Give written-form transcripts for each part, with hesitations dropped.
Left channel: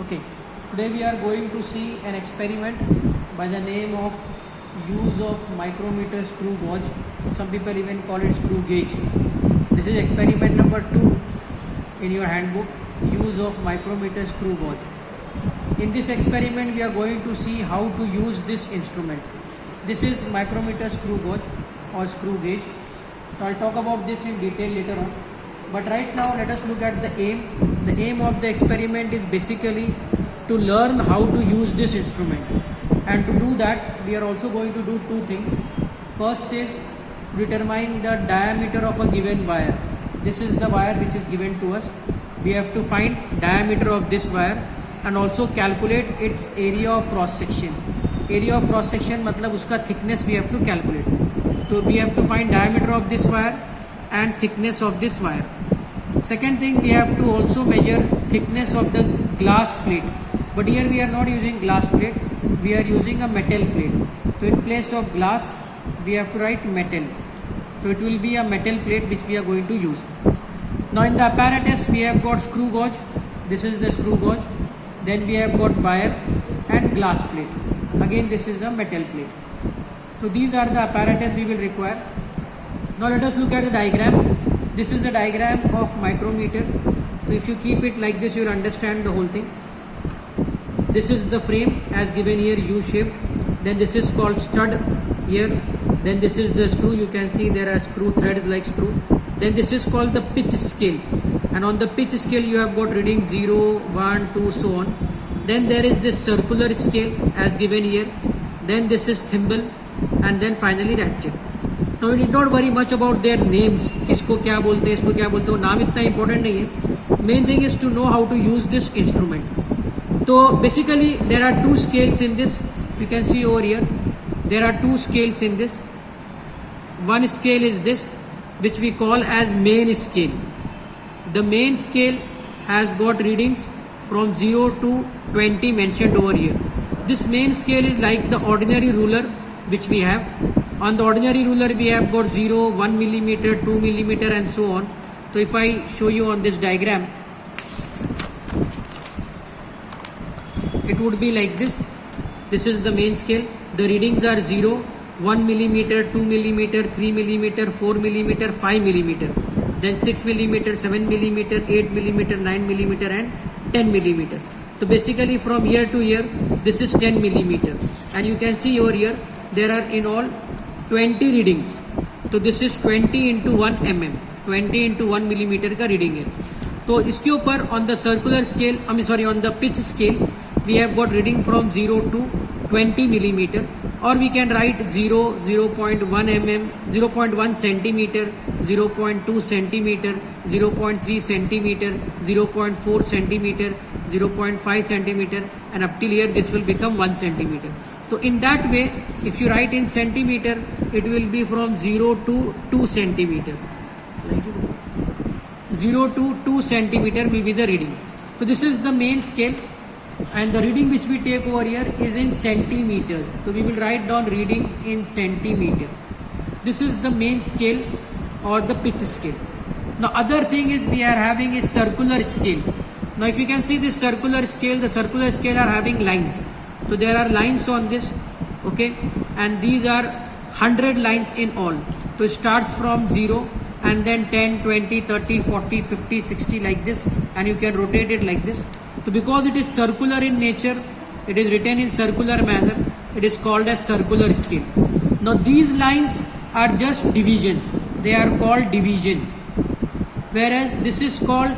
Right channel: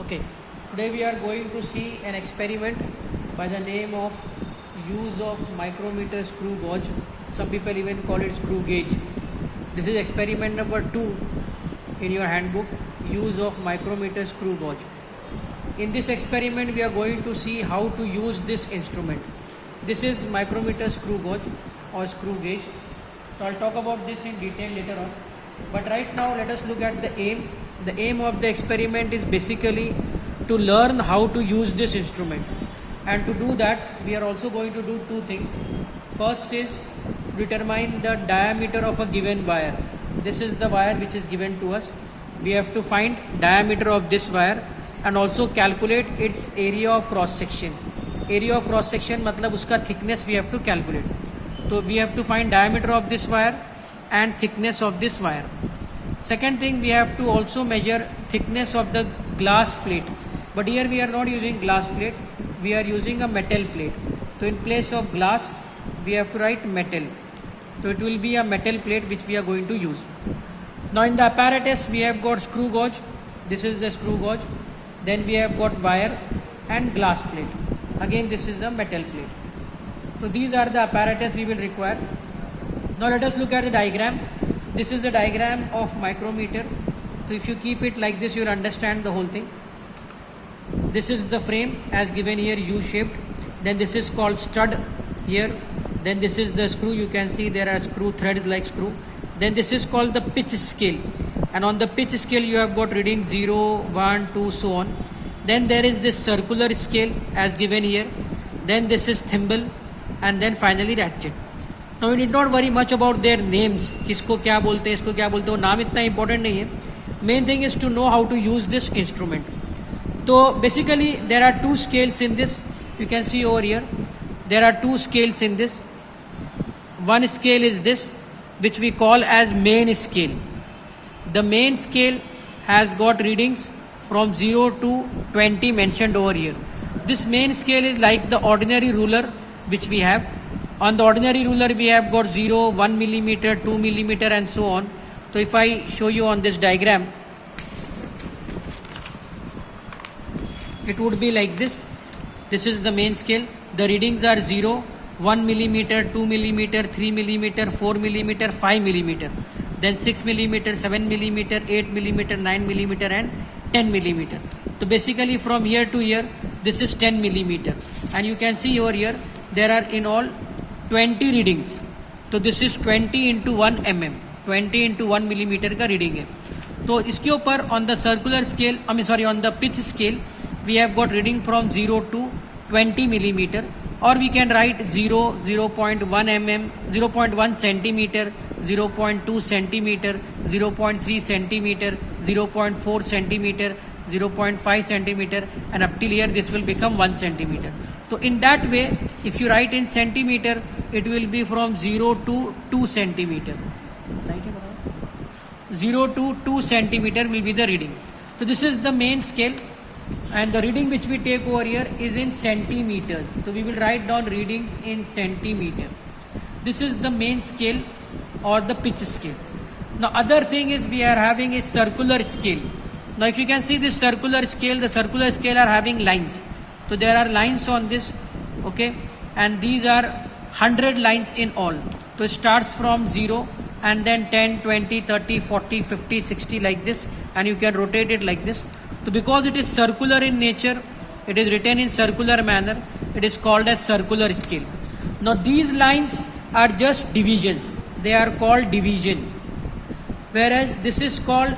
Okay, today we are going to see an experiment by the name of use of micrometer screw gauge. Some people even call it screw gauge. This is experiment number 2 in your handbook, use of micrometer screw gauge. In this experiment we are going to see how to use this instrument. This is micrometer screw gauge or screw gauge. So I'll talk about this in detail later on. But right now let us look at the aim. The aim of the experiment is basically to learn how to use this instrument. And to do that we are also going to do two things. First is determine the diameter of a given wire. This is the wire which is given to us. We have to find diameter of this wire and also calculate its area of cross section. Area of cross section मतलब उसका thickness we have to calculate. So we have to find diameter of this wire and thickness of this wire. Second thing, we have to also measure thickness of the glass plate. But here we are not using glass plate, we are using a metal plate. So in place of glass we have to write metal. So it will be a metal plate which we are going to use. Now in the apparatus we have got screw gauge. This is the screw gauge. Then we have got wire and glass plate. Again this is a metal plate. So these are the apparatus we will require. Now let us look at the diagram. This is the diagram of micrometer. So if you keep it like this, you will understand the whole thing. This is the frame as given here, U-shaped. Then this is called stud here. Then this is the screw. You can see there are screw threads like screw. Then this is called the pitch scale. And on the pitch scale you have got reading 0, 1, 2, so on. Then there is this circular scale as given here. Then this is thimble. And then finally ratchet. Now you need not worry much about their names. किसको क्या बोलते हैं, इसको क्या बोलते हैं, नाम इतना important नहीं है. Main thing is to know how to use this instrument. So basically there are two scales in this. You can see over here. There are two scales in this. One scale is this, which we call as main scale. The main scale has got readings from 0 to 20 mentioned over here. This main scale is like the ordinary ruler which we have. On the ordinary ruler we have got 0, 1 millimeter, 2 millimeter and so on. So if I show you on this diagram, it would be like this. This is the main scale. The readings are 0, 1 millimeter, 2 millimeter, 3 millimeter, 4 millimeter, 5 millimeter. Then 6 millimeter, 7 millimeter, 8 millimeter, 9 millimeter and 10 millimeter. So basically from here to here this is 10 millimeter. And you can see over here there are in all 20 readings. तो this is 20 into 1 mm, 20 into 1 millimeter का reading है. तो इसके ऊपर on the circular scale, on the pitch scale we have got reading from 0 to 20 millimeter, और we can write 0, 0.1 mm, 0.1 centimeter, 0.2 centimeter, 0.3 centimeter, 0.4 centimeter, 0.5 centimeter, and up till here this will become 1 centimeter. So in that way, if you write in centimeter, it will be from 0 to 2 centimeter. 0 to 2 centimeter will be the reading. So this is the main scale, and the reading which we take over here is in centimeters. So we will write down readings in centimeter. This is the main scale or the pitch scale. Now other thing is we are having is circular scale. Now if you can see this circular scale, the circular scale are having lines. So there are lines on this, okay, and these are 100 lines in all. So it starts from 0 and then 10, 20, 30, 40, 50, 60 like this, and you can rotate it like this. So because it is circular in nature, it is written in circular manner, it is called as circular scale. Now these lines are just divisions, they are called division, whereas this is called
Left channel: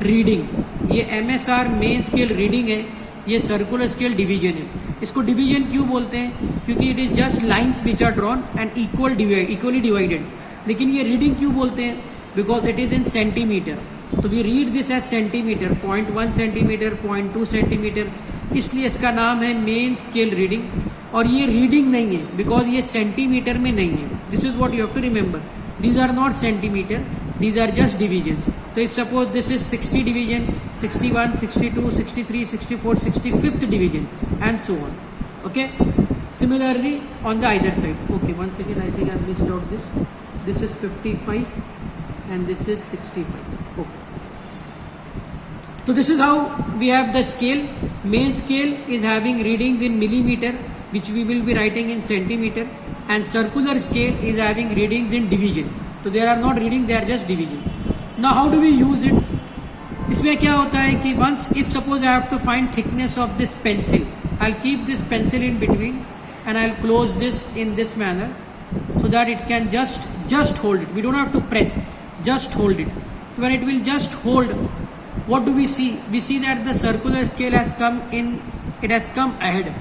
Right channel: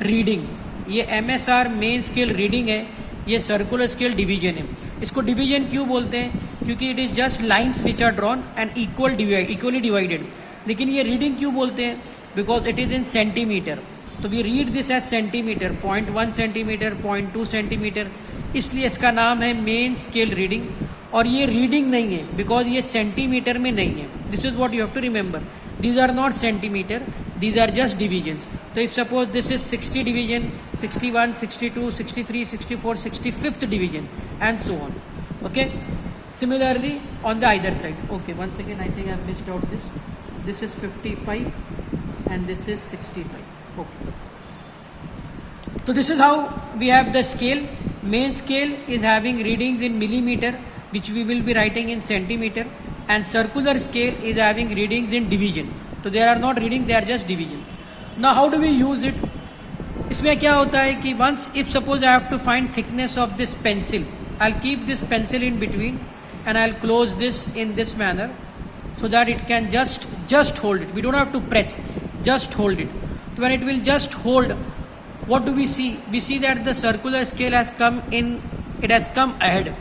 reading. ये MSR main scale reading है, ये circular scale division है. इसको division क्यों बोलते हैं? क्योंकि it is just lines which are drawn and equally divided. लेकिन ये रीडिंग क्यों बोलते हैं? Because it is in centimetre. तो we read this as centimetre, 0.1 centimetre, 0.2 centimetre, इसलिए इसका नाम है मेन स्केल रीडिंग. और ये रीडिंग नहीं है बिकॉज ये सेंटीमीटर में नहीं है. This is what you have to remember. These are not centimeter, these are just divisions. So if suppose this is 60 division, 61, 62, 63, 64, 65th division and so on. Okay. Similarly on the either side. Okay, once again I think I have listed out this. This is 55 and this is 65. Okay. So this is how we have the scale. Main scale is having readings in millimeter, which we will be writing in centimeter, and circular scale is having readings in division. So they are not reading, they are just division. Now how do we use it? इसमें क्या होता है कि once if suppose I have to find thickness of this pencil, I'll keep this pencil in between and I'll close this in this manner so that it can just hold it. We don't have to press, just hold it. So when it will just hold, what do we see? We see that the circular scale has come in, it has come ahead.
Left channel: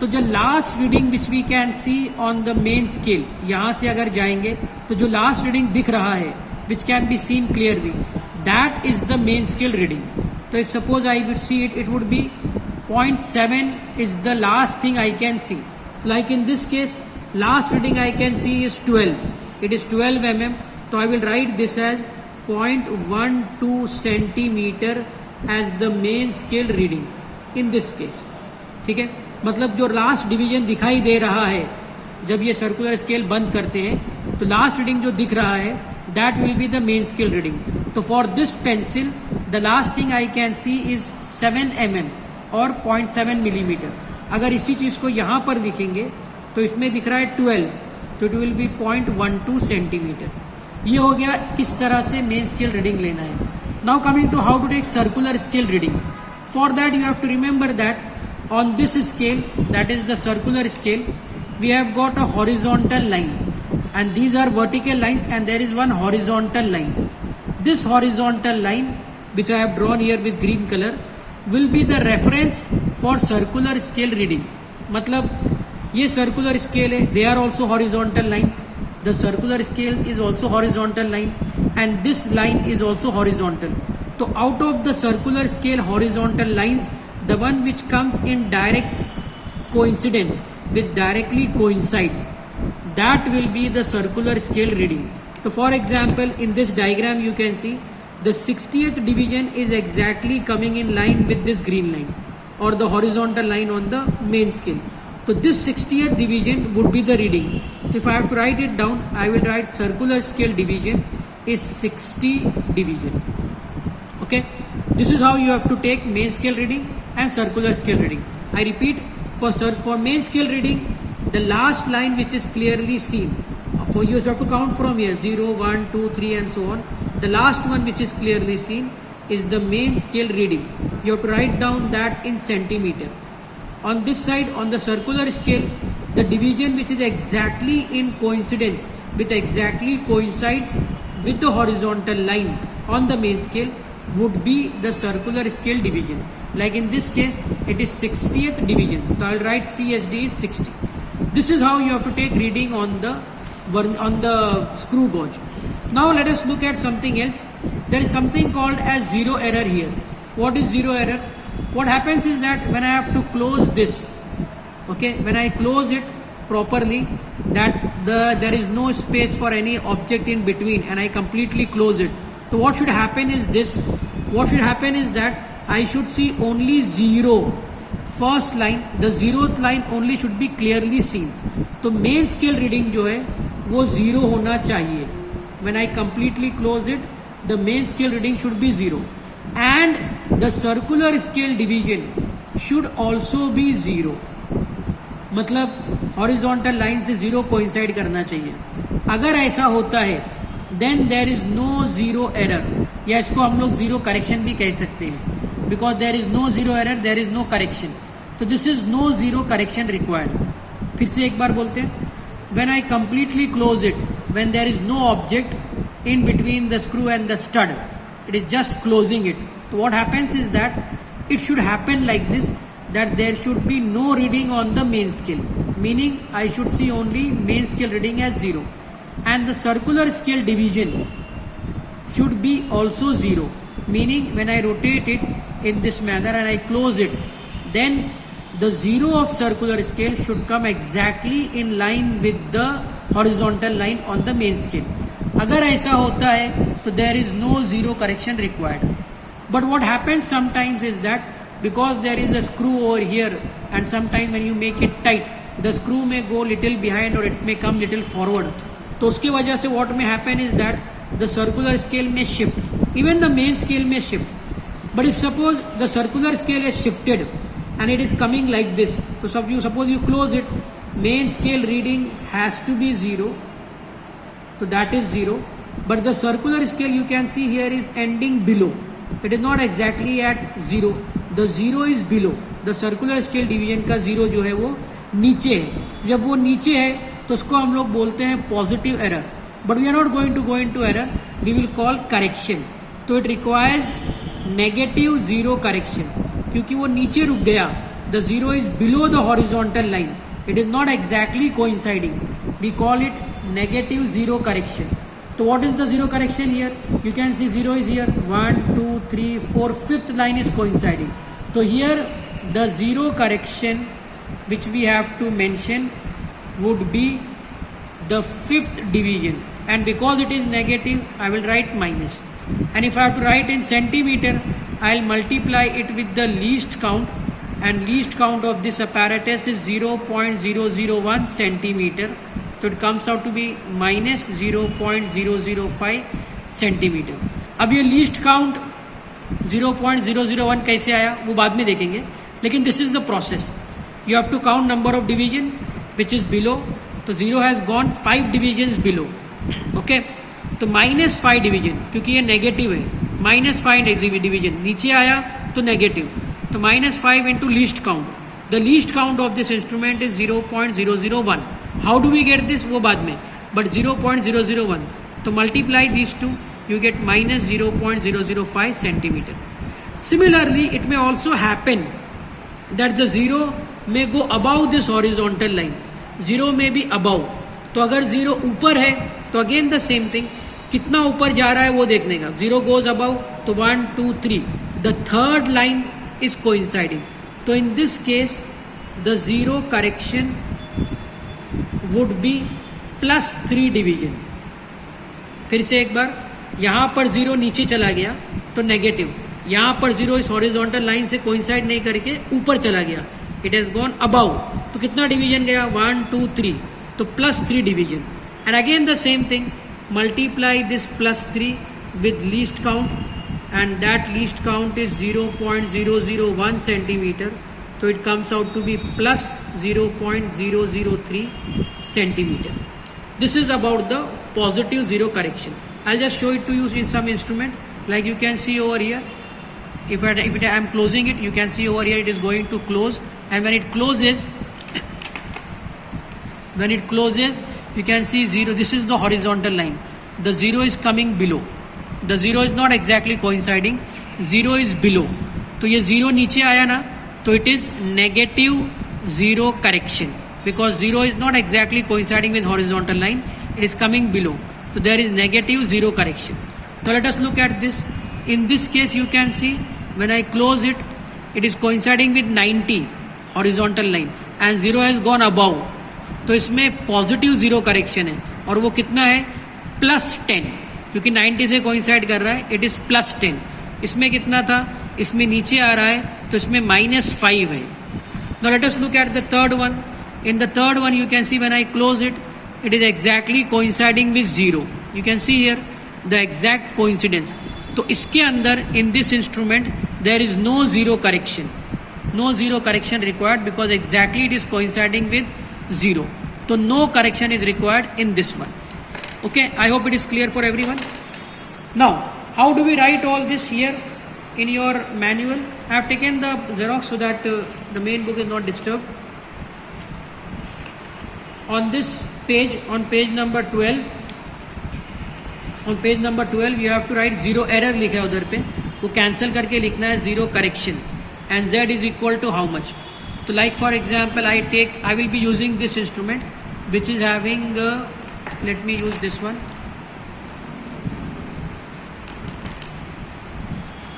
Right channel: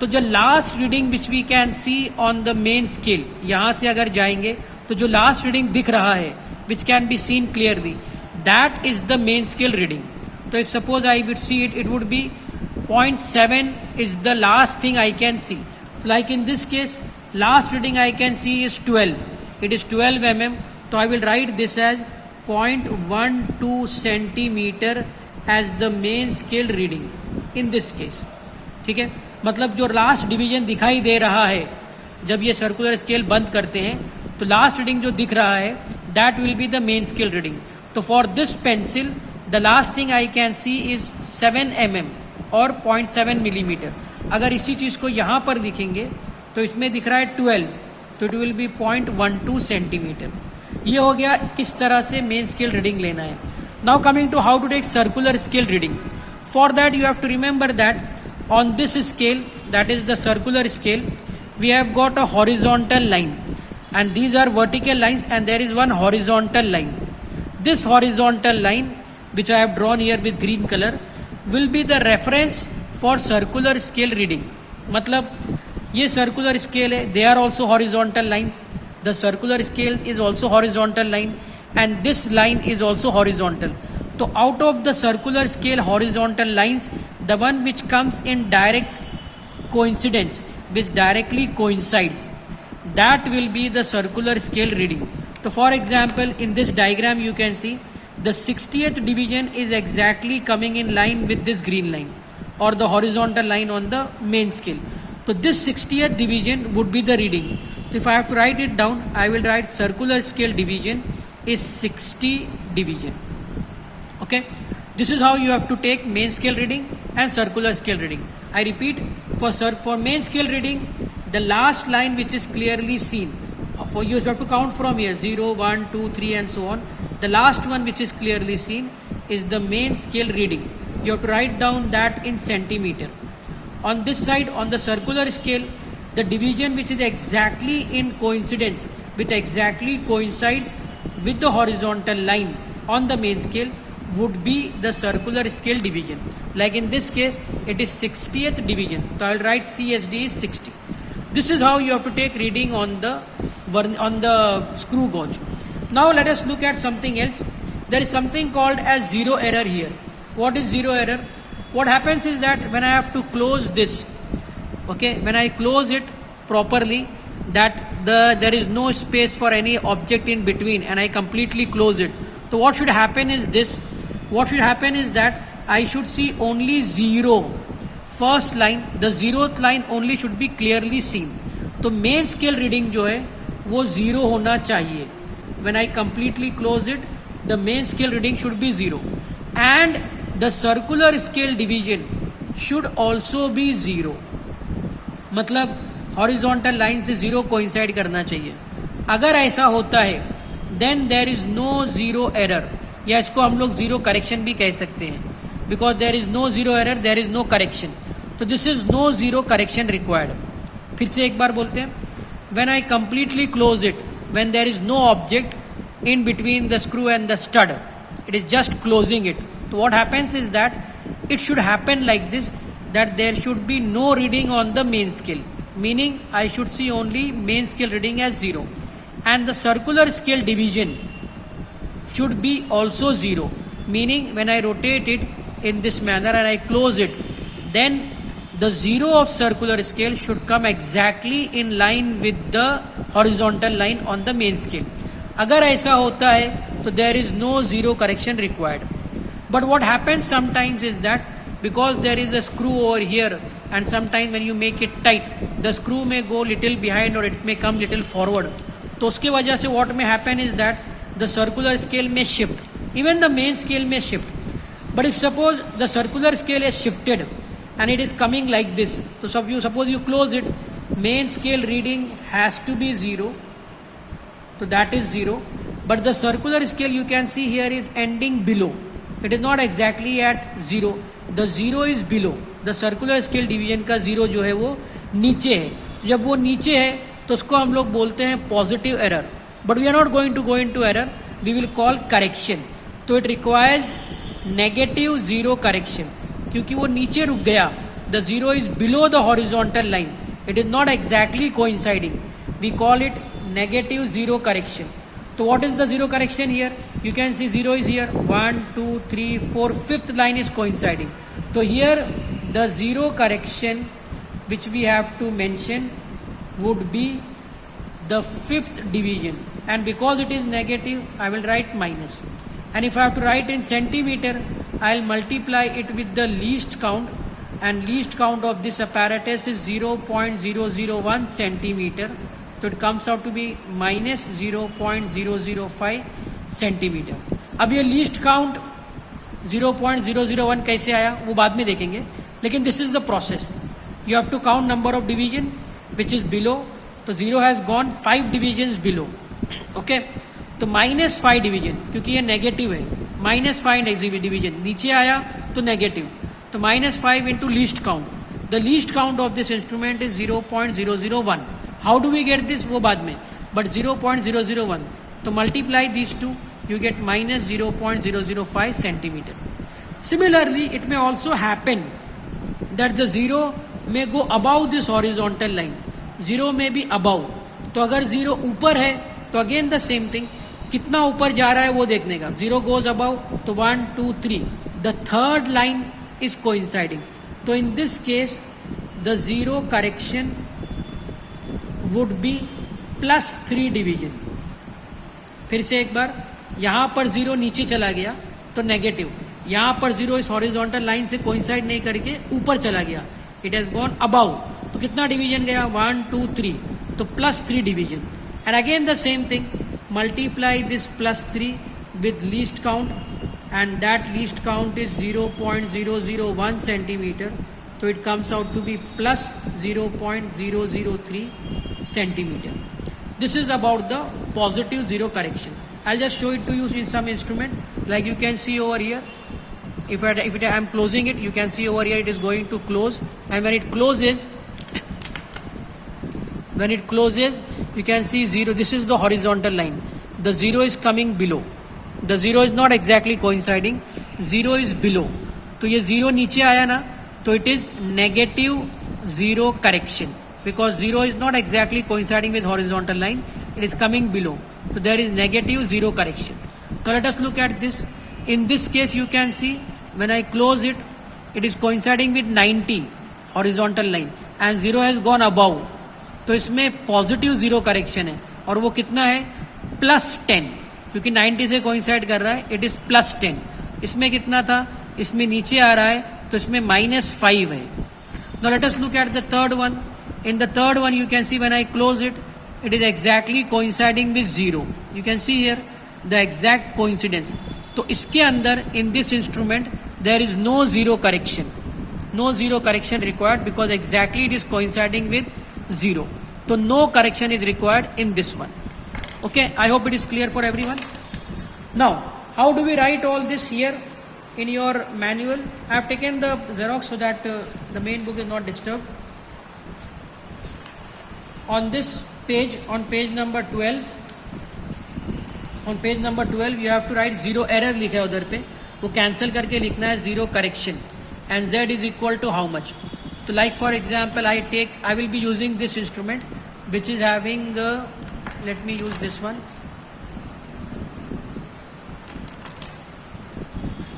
तो जो last reading which we can see on the main scale, यहाँ से अगर जाएंगे तो जो last reading दिख रहा है which can be seen clearly, that is the main scale reading. तो if suppose I would see it, it would be 0.7 is the last thing I can see. Like in this case, last reading I can see is 12. It is 12 mm. So I will write this as 0.12 centimeter as the main scale reading in this case. ठीक है, मतलब जो last division दिखाई दे रहा है जब ये circular scale बंद करते हैं, तो लास्ट रीडिंग जो दिख रहा है that will be the main scale reading. तो for this pencil the last thing I can see is 7 mm और 0.7 मिलीमीटर. अगर इसी चीज को यहाँ पर लिखेंगे तो इसमें दिख रहा है 12, तो इट विल बी 0.12 सेंटीमीटर. ये हो गया किस तरह से मेन स्केल रीडिंग लेना है. Now coming to how to take circular scale reading. For that you have to remember that on this scale, that is the circular scale, we have got a horizontal line and these are vertical lines and there is one horizontal line. This horizontal line which I have drawn here with green color will be the reference for circular scale reading. मतलब ये circular scale है, they are also horizontal lines. The circular scale is also horizontal line and this line is also horizontal. So out of the circular scale horizontal lines, the one which comes in direct coincidence, which directly coincides, that will be the circular scale reading. So for example, in this diagram you can see the 60th division is exactly coming in line with this green line or the horizontal line on the main scale. So this 60th division would be the reading. If I have to write it down, I will write circular scale division is 60 division. Okay, this is how you have to take main scale reading and circular scale reading. I repeat, for main scale reading, the last line which is clearly seen, for you have to count from here 0, 1, 2, 3 and so on. The last one which is clearly seen is the main scale reading. You have to write down that in centimeter. On this side, on the circular scale, the division which is exactly in coincidence with exactly coincides with the horizontal line on the main scale would be the circular scale division. Like in this case, it is 60th division. So I will write CSD is 60. This is how you have to take reading on the screw gauge. Now let us look at something else. There is something called as zero error here. What is zero error? What happens is that when I have to close this, okay, when I close it properly, that there is no space for any object in between and I completely close it. So what should happen is this. What should happen is that I should see only zero. First line, the zeroth line only should be clearly seen. तो main scale reading जो है वो zero होना चाहिए. When I completely close it, the main scale reading should be zero. And the circular scale division should also be zero. मतलब horizontal line से zero coincide करना चाहिए. अगर ऐसा होता है then there is no zero error, या इसको हम लोग zero correction भी कह सकते हैं, because there is no zero error, there is no correction. तो this is no zero correction required. फिर से एक बार बोलते हैं, when I completely close it, when there is no object in between the screw and the stud, it is just closing it. So what happens is that it should happen like this, that there should be no reading on the main scale, meaning I should see only main scale reading as zero. And the circular scale division should be also zero, meaning when I rotate it in this manner and I close it, then the zero of circular scale should come exactly in line with the horizontal line on the main scale. अगर ऐसा होता है तो there is no zero correction required. But what happens sometimes is that because there is a screw over here and sometimes when you make it tight, the screw may go little behind or it may come little forward. तो उसके वजह से what may happen is that the circular scale may shift, even the main scale may shift. But if suppose the circular scale is shifted and it is coming like this, so suppose you close it, main scale reading has to be 0, so that is 0, but the circular scale you can see here is ending below, it is not exactly at 0, the 0 is below, the circular scale division का 0 जो है वो नीचे है, जब वो नीचे है तो उसको हम लोग बोलते हैं positive error, but we are not going to go into error, we will call correction. तो इट रिक्वायर्स नेगेटिव 0 करेक्शन, क्योंकि वो नीचे रुक गया, the 0 is below the horizontal line, it is not exactly coinciding, we call it negative 0 correction. So what is the 0 correction here? You can see 0 is here, 1 2 3 4, fifth line is coinciding. So here the 0 correction which we have to mention would be the fifth division, and because it is negative I will write minus, and if I have to write in centimeter I will multiply it with the least count, and least count of this apparatus is 0.001 centimeter, so it comes out to be minus 0.005 centimeter. अब ये least count 0.001 कैसे आया वो बाद में देखेंगे, लेकिन this is the process. You have to count number of division which is below, तो 0 has gone 5 divisions below, okay, तो minus 5 division, क्योंकि ये negative है, minus 5 division नीचे आया तो negative, तो minus 5 into least count. The least count of this instrument is 0.001. How do we get this? वो बाद में, but 0.001. तो multiply these two, you get minus 0.005 centimeter. Similarly, it may also happen that the 0 may go above this horizontal line. 0 may be above. तो अगर 0 ऊपर है तो again the same thing. कितना ऊपर जा रहा है वो देखने का. 0 goes above, तो 1 2 3. The third line is coinciding. So in this case the 0 correction would be plus 3 division. फिर से एक बार, यहाँ पर 0 नीचे चला गया तो नेगेटिव, यहाँ पर 0 इस हॉरिजॉन्टल लाइन से कोइंसाइड नहीं करके ऊपर चला गया, इट हैज गॉन अबाउ, तो कितना डिवीजन गया 1 2 3, तो plus 3 division. And again the same thing, multiply this plus 3 with least count, and that least count is 0.001 centimeter, so it comes out to be plus 0.003 centimeter. This is about the positive 0 correction. I'll just show it to you in some instrument, like you can see over here. If I am closing it, you can see over here it is going to close, and when it closes you can see 0, this is the horizontal line, the 0 is coming below, the 0 is not exactly coinciding, 0 is below, तो ये 0 नीचे आया ना, तो it is negative 0 correction, because 0 is not exactly coinciding with horizontal line, it is coming below, so there is negative 0 correction. So let us look at this. In this case you can see when I close it, it is coinciding with 90 horizontal line and 0 has gone above, तो इसमें positive 0 correction है, और वो कितना है plus 10, क्योंकि 90 से coincide कर रहा है, इट इज प्लस 10. इसमें कितना था, इसमें नीचे आ रहा है तो इसमें माइनस 5 है. Now let us look at the third one. In the third one you can see when I close it, it is exactly coinciding with 0. You can see here the exact coincidence. तो इसके अंदर in this instrument there is no 0 correction, no 0 correction required, because exactly it is coinciding with 0. So no correction is required in this one. Okay, I hope it is clear for everyone. Now, how do we write all this here in your manual? I have taken the Xerox so that the main book is not disturbed. On this page, on page number 12, you have to write 0 error लिखा है उधर पे, वो cancel करके लिखना है 0 correction, and z is equal to how much. So like for example, I will be using this instrument which is having, let me use this one,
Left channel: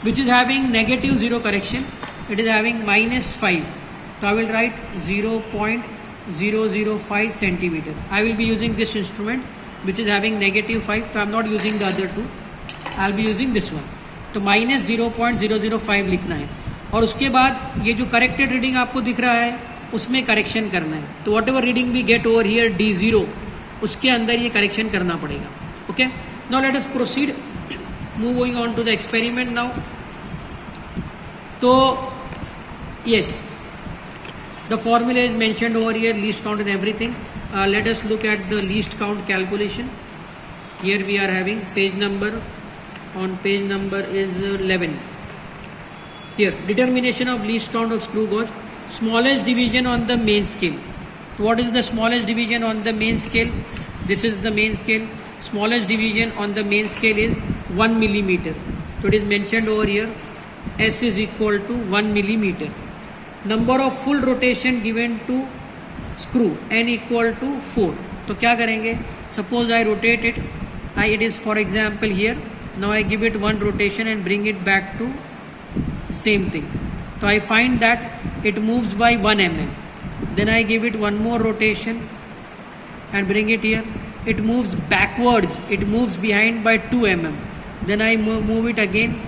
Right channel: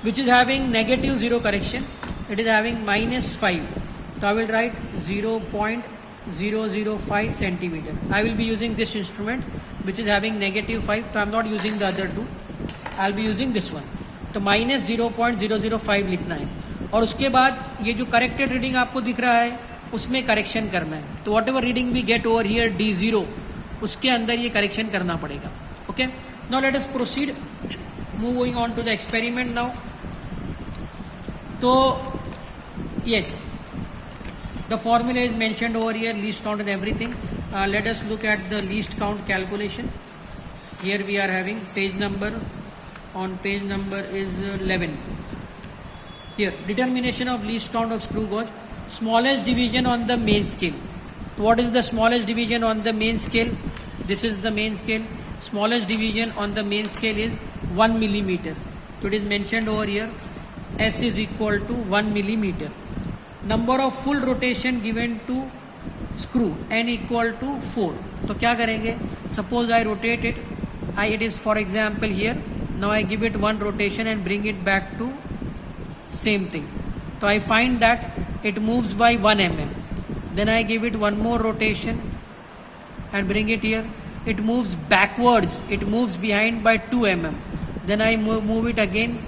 which is having negative 0 correction. It is having minus 5. So I will write 0.005 centimeter. I will be using this instrument which is having negative 5. So I am not using the other two. I will be using this one. तो minus 0.005 लिखना है, और उसके बाद ये जो corrected reading आपको दिख रहा है उसमें करेक्शन करना है. तो whatever reading we get over here D0, उसके अंदर ये करेक्शन करना पड़ेगा. Okay, now let us proceed, moving on to the experiment. Now तो yes, the formula is mentioned over here, least count and everything. Let us look at the least count calculation. Here we are having page number, on page number is 11. Here, determination of least count of screw gauge. Smallest division on the main scale. What is the smallest division on the main scale? This is the main scale. Smallest division on the main scale is 1 millimeter. So it is mentioned over here. S is equal to 1 millimeter. Number of full rotation given to screw, N equal to 4. तो क्या करेंगे? Suppose I rotate it. It is for example here. Now I give it one rotation and bring it back to same thing. So I find that it moves by 1 mm. Then I give it one more rotation and bring it here. It moves backwards. It moves behind by 2 mm. Then I move it again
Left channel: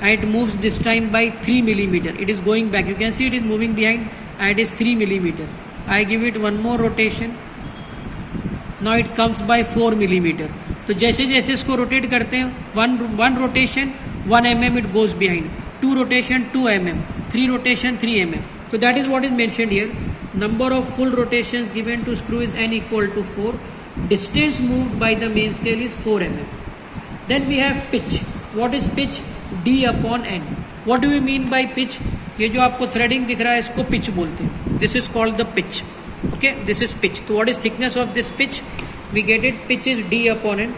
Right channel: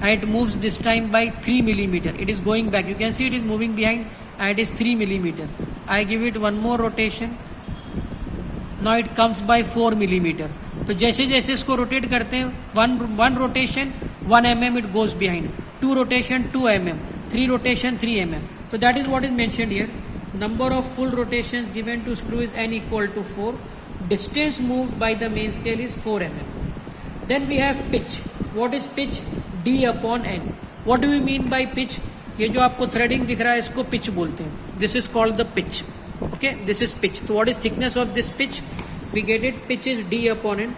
and it moves this time by 3 millimeter. It is going back. You can see it is moving behind and it is 3 millimeter. I give it one more rotation. Now it comes by 4 millimeter. तो जैसे जैसे इसको rotate करते हैं, one rotation 1 mm it goes behind, 2 rotation 2 mm, 3 rotation 3 mm. So that is what is mentioned here. Number of full rotations given to screw is N equal to 4. Distance moved by the main scale is 4 mm. Then we have pitch. What is pitch? D upon N. What do we mean by pitch? ये जो आपको threading दिख रहा है इसको pitch बोलते हैं. This is called the pitch. Okay, this is pitch. So what is thickness of this pitch? We get it. Pitch is D upon N.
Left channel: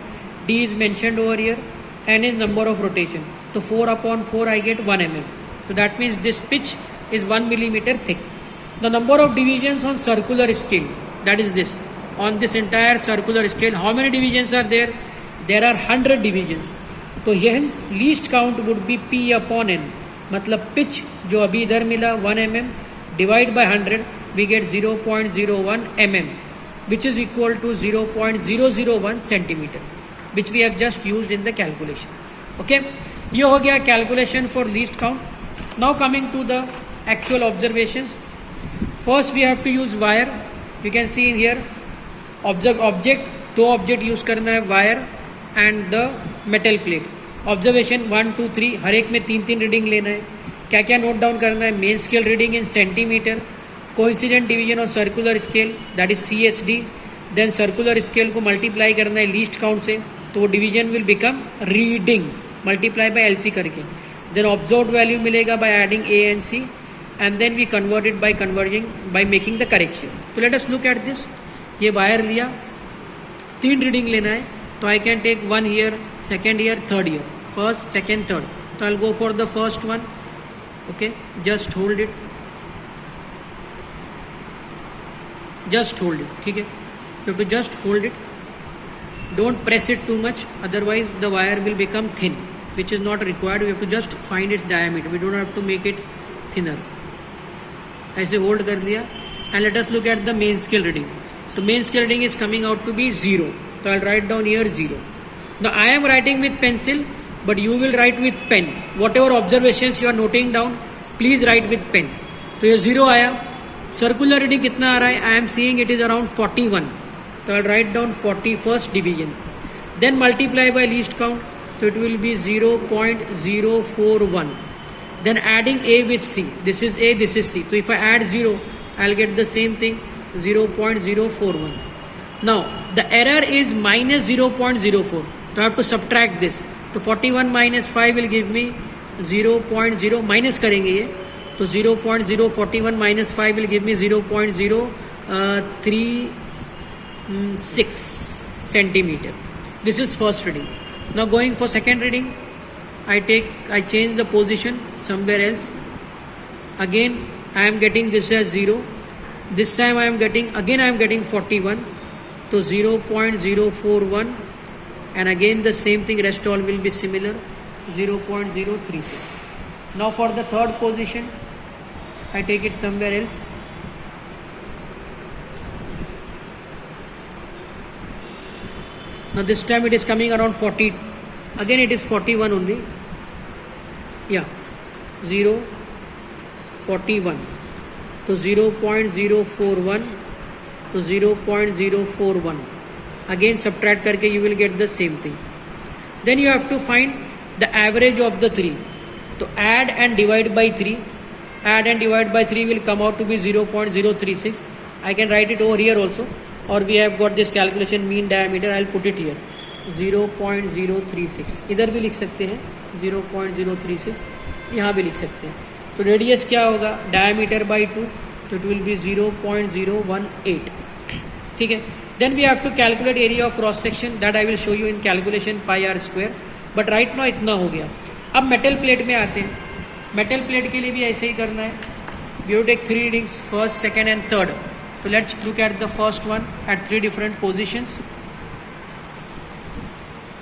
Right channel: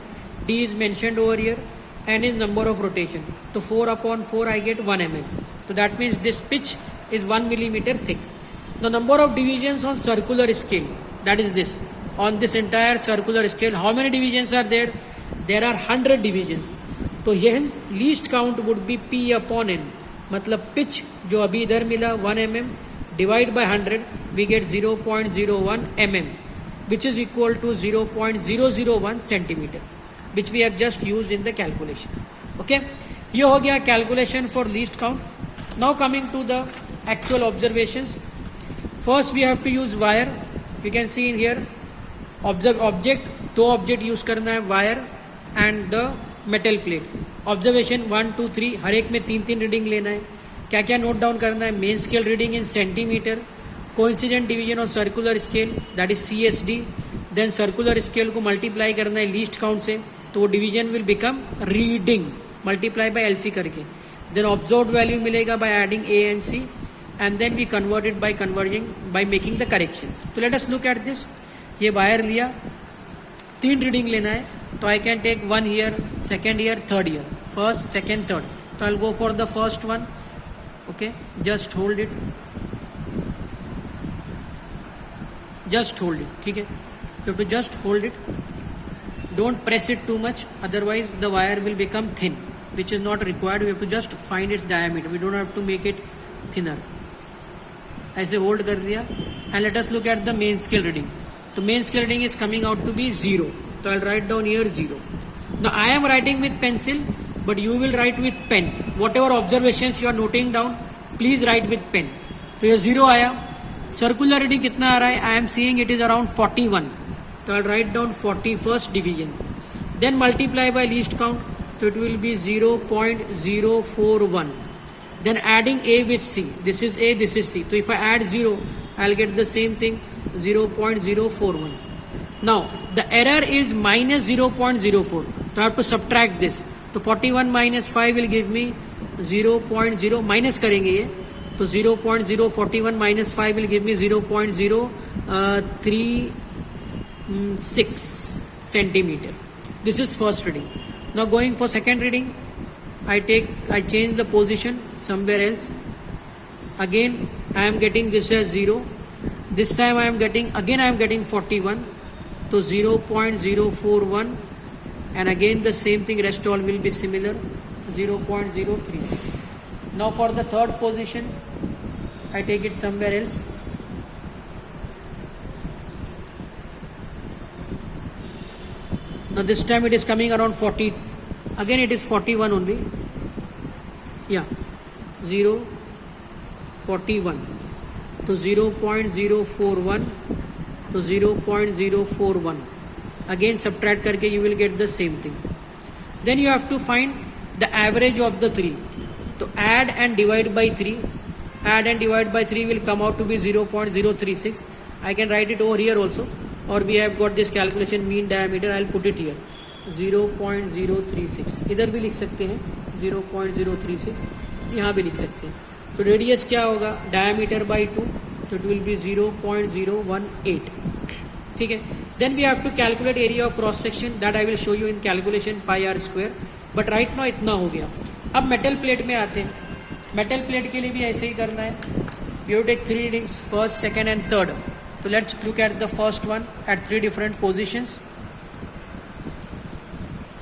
D is mentioned over here. N is number of rotation. So 4 upon 4 I get 1 mm. So that means this pitch is 1 millimeter thick. The number of divisions on circular scale, that is this. On this entire circular scale, how many divisions are there? There are 100 divisions. So hence least count would be P upon N. मतलब pitch जो अभी इधर मिला 1 mm divide by 100 we get 0.01 mm, which is equal to 0.001 centimeter, which we have just used in the calculation. Okay, ये हो गया calculation for least count. Now coming to the actual observations. First we have to use wire. You can see in here object, दो object use करना है, wire and the metal plate. Observation 1 2 3, हर एक में 3 reading लेना है. क्या क्या note down करना है? Main scale reading in centimetre, coincident division of circular scale that is CSD. Then circular scale को मल्टीप्लाई करना है लीस्ट काउंट से, तो वो division will become reading multiply by LC करके. देन ऑब्जर्व्ड वैल्यू मिलेगा by adding A and C, and then we converted by converging by making the correction. तो let us look at this. ये wire लिया, 3 reading लेना है, तो आई can take 1 year, 2nd year, 3rd year, 1st, 2nd, 3rd. तो I will go for the first one. Okay, just hold it. Just hold it. ठीक है, you have to just hold it. Don't press it too much, otherwise the wire will become thin, which is not required. We have to just find its diameter. We don't have to make it thinner. ऐसे hold कर लिया, and let us look at the main scale reading. The main scale reading is coming out to be 0. So I'll write down here 0. Now I am writing with pencil, but you will write with pen. Whatever observations you are noting down, please write with pen. तो ये 0 आया. Circular reading कितना आ रहा है? I am seeing it is around 41. तो I write down 41st division. Then multiply by least count, तो it will be 0.041. Then adding A with C. This is A, this is C. तो if I add 0, I will get the same thing, 0.041. Now the error is minus 0.04. तो I have to subtract this. तो 41 minus 5 will give me 0.0, minus करेंगे ये, तो 0.041 minus 5 will give me 0.036 centimeter. This is first reading. Now going for second reading, I change the position somewhere else. Again I am getting this as 0. This time I am getting 41. So 0.041. And again the same thing, rest all will be similar, 0.036. Now for the third position, I take it somewhere else. Now this time it is coming around 40. Again it is 41 only. Yeah, 0.41. So 0.041. So 0.041. Again subtract करके you will get the same thing. Then you have to find the average of the 3. तो add and divide by 3. Add and divide by 3 will come out to be 0.036. I can write it over here also, or we have got this calculation mean diameter. I'll put it here 0.036. इधर भी लिख सकते हैं 0.036, यहाँ भी लिख सकते हैं. तो रेडियस क्या होगा, डायमीटर बाई 2, तो इट विल बी 0.018. ठीक है. Then we have to calculate area of cross section, that I will show you in calculation pi r square. But right now इतना हो गया. अब मेटल प्लेट में आते हैं. मेटल प्लेट के लिए भी ऐसे ही करना है. We have take 3 readings, first, second and third. So let's look at the first one at 3 different positions.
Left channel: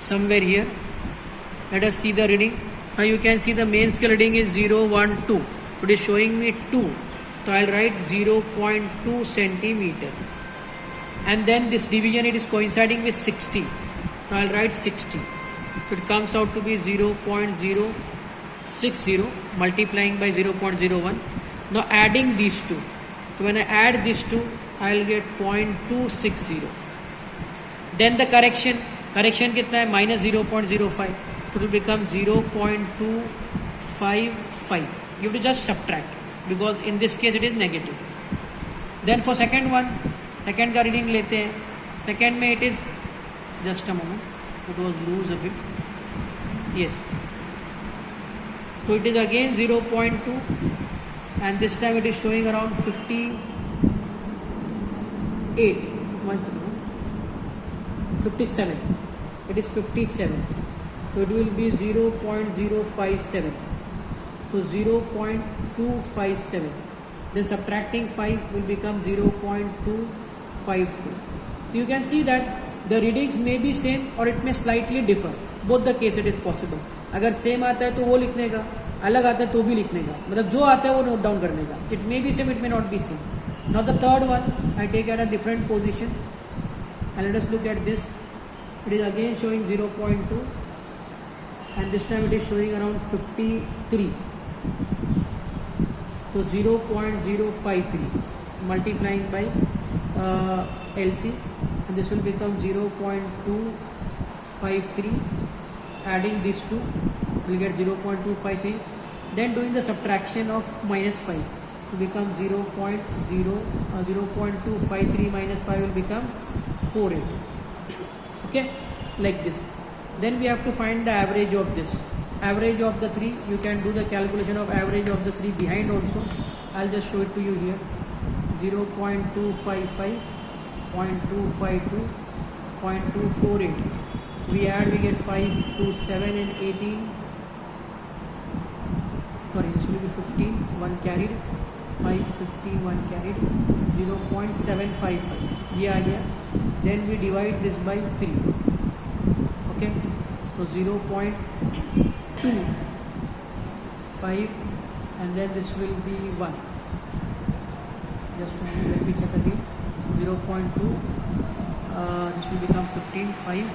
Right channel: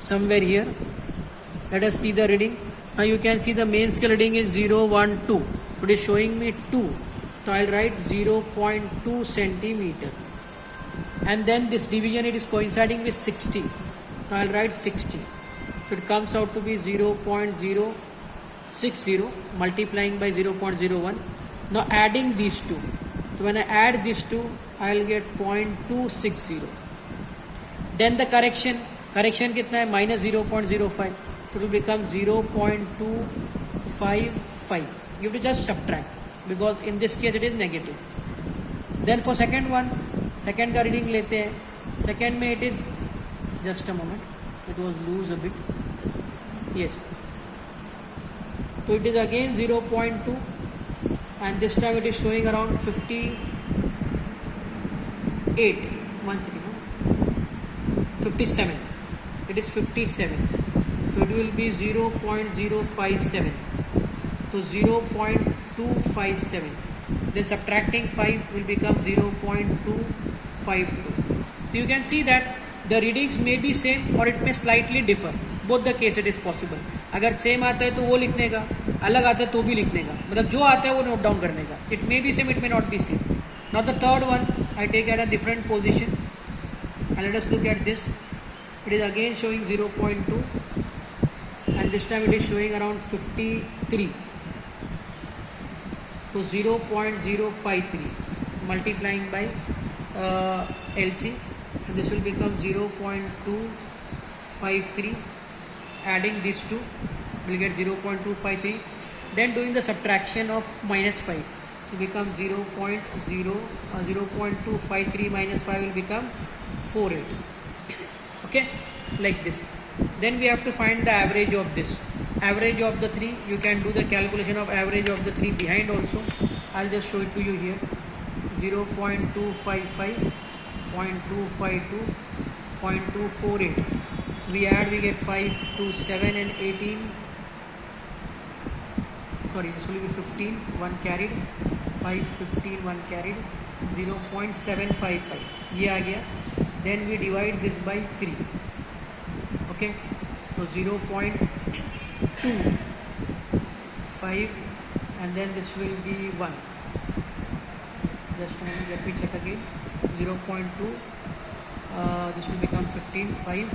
Somewhere here. Let us see the reading. Now you can see the main scale reading is 0, 1, 2. It is showing me 2. So I'll write 0.2 centimeter. And then this division, it is coinciding with 60. So I'll write 60. So it comes out to be 0.060 multiplying by 0.01. Now adding these two. So when I add these two, I will get 0.260. Then the correction कितना है, minus 0.05. So it will become 0.255. You have to just subtract because in this case it is negative. Then for second one, second का reading लेते हैं. Second में it is, just a moment, it was loose a bit. Yes. So it is again 0.2. And this time it is showing around 58. 57. It is 57. So it will be 0.057. So 0.257. Then subtracting 5 will become 0.252. So you can see that the readings may be same or it may slightly differ. Both the case it is possible. अगर same आता है तो वो लिखने का, अलग आता है तो भी लिखने का, मतलब जो आता है वो नोट डाउन करने का. It may be same, it may not be same. Now the third one I take at a different position and let us look at this. It is again showing 0.2 and this time it is showing around 53. तो 0.053 multiplying by LC and this will become 0.253. Adding these two will get 0.253. Then doing the subtraction of minus 5 will become 0.253 minus 5 will become 48. Okay, like this. Then we have to find the average of this. Average of the 3, you can do the calculation of average of the 3 behind also. I'll just show it to you here. 0.255, 0.252, 0.248. We add, we get 5 to 7 and 18. Sorry, this will be 15, 1 carried. 5, 15, 1 carried. 0.755. ये आ गया. Then we divide this by 3. Okay. So 0.25 and then this will be 1. Just let me check again. 0.2. This will become 15, 5.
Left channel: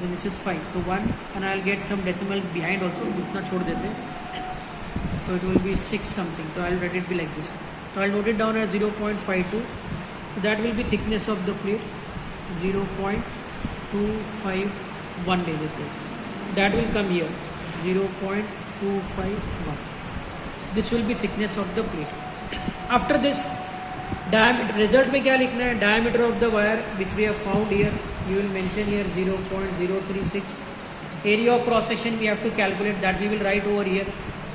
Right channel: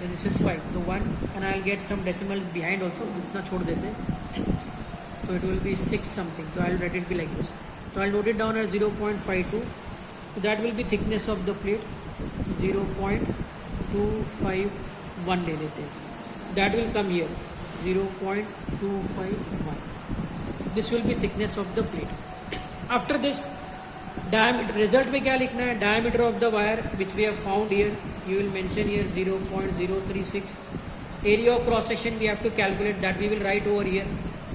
Then this is 5. So 1 and I will get some decimal behind also. उतना छोड़ देते. So it will be 6 something. So I will let it be like this. So I will note it down as 0.52. So that will be thickness of the plate. 0.251 ले देते. That will come here. 0.251. This will be thickness of the plate. After this, diameter. Result में क्या लिखना है? Diameter of the wire which we have found here. You will mention here 0.036. Area of cross section we have to calculate, that we will write over here.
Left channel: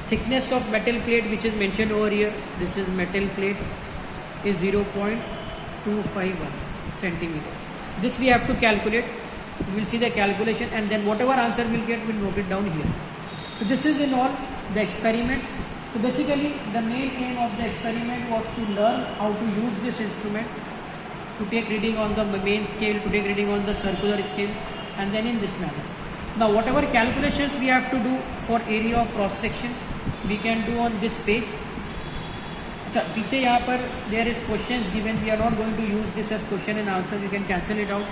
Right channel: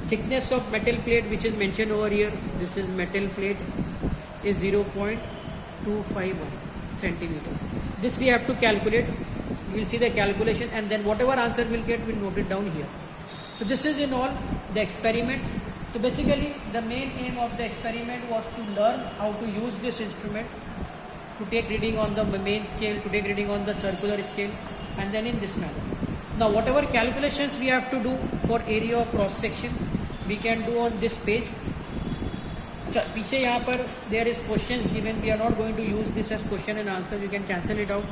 Thickness of metal plate which is mentioned over here, this is metal plate, is 0.251 centimeter. This we have to calculate. We will see the calculation and then whatever answer we will get, we will note it down here. So this is in all the experiment. So basically the main aim of the experiment was to learn how to use this instrument, to take reading on the main scale, to take reading on the circular scale, and then in this manner. Now whatever calculations we have to do for area of cross section, we can do on this page. पीछे यहाँ पर there is questions given. We are not going to use this as question and answer. You can cancel it out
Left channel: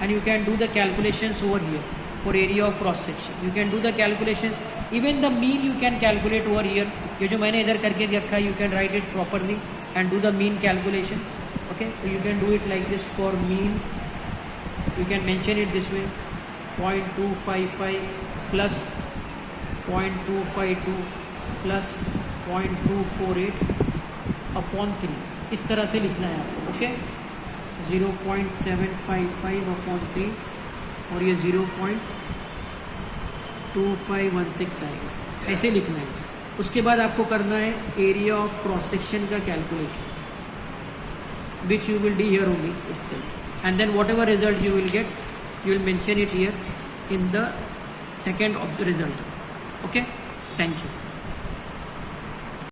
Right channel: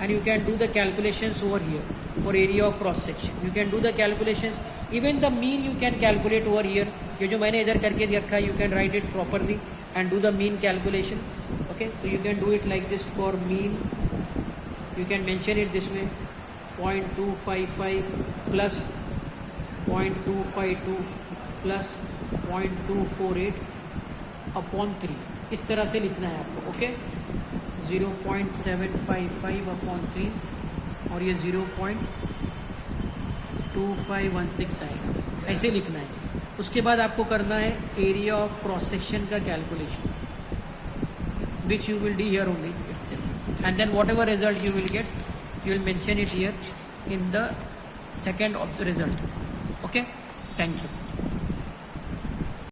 and you can do the calculations over here for area of cross section. You can do the calculations. Even the mean you can calculate over here. ये जो मैंने इधर करके रखा, you can write it properly and do the mean calculation. Okay, so you can do it like this for mean. You can mention it this way: 0.255 plus 0.252 plus 0.248 upon 3, इस तरह से लिखना है आपको. ओके, 0.755 अपॉन 3 और ये 0.2516 आएगा, ऐसे लिखना है. उसके बाद आपको करना है एरिया ऑफ क्रॉस सेक्शन का calculation, which you will do here only itself, and then whatever result you will get, you will mention it here in the second of the result. Okay, thank you.